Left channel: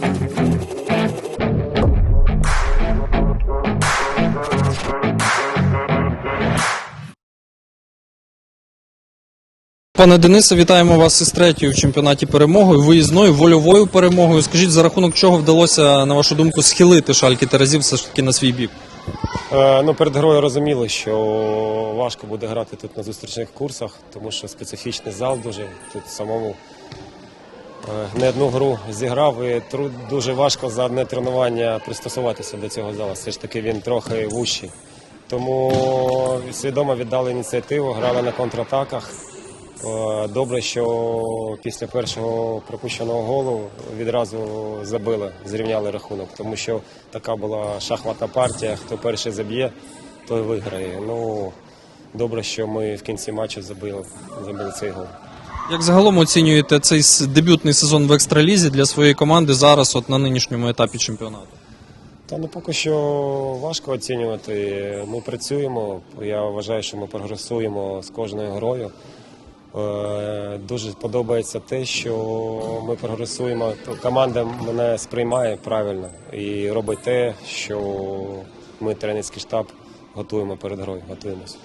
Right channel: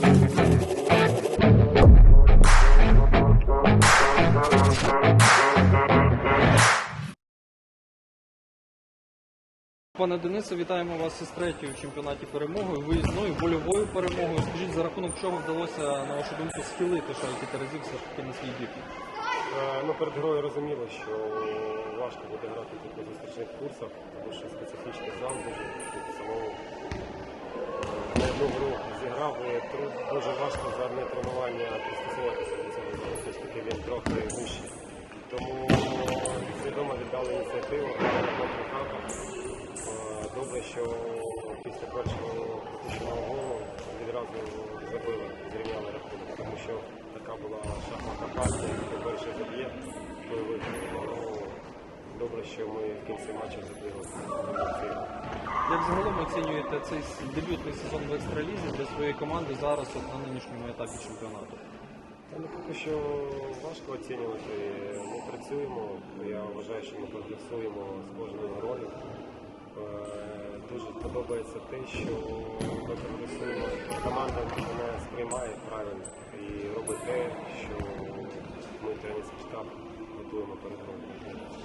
Пане Денисе, вітаємо вас із третьою в чемпіонаті перемогою, виїзною вольовою перемогою. Скажіть, за рахунок чого вдалося, на вашу думку, схилити шальки Терезів все ж таки на свій бік? Е, ну, Перед грою розуміли, що важко буде грати тут на зустрічних курсах, тому що специфічний зал дуже тут самому не одну гру зіграв і тру- дуже важко за одне тренування пристосуватися до цього залу. Все ж таки він трохи вущий. Тому свідомо віддали ініціативу, грали на контратаках. Е, Добре, що після першого пропущеного голу відразу забили, зрівняли рахунок, тому що така була шахматна партія. Хто перший заб'є, той виграє. Ну добре, що ми в кінці матчу забили, забили цей гол. Як загалом оцінюєте цей дебютний сезон в екстралізі для своєї команди зараз, от на нинішньому етапі чемпіонату? Та ну поки що важко оцінювати. Ми працюємо. Я вважаю, що ми прогресуємо з кожною грою. Е, Дуже подобається те, що ми прогресуємо. Команда мене сприймає правильно і робить те, що ми тренерський штаб готуємо перед грою. Готуємося.